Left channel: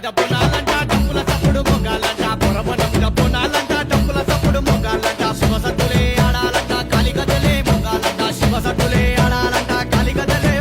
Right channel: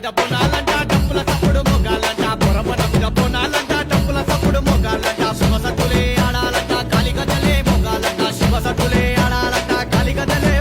మీద బోనాలంట డప్పుల తప్పుడు మొగాలంట బొరబొండ మీద బోనాలంట డప్పుల తప్పుడు మొగాలంట శివసత్తులే ఆడాలంట కాలిగజలే మొగాలంట శివసత్తులే ఆడాలంట కాలిగజలే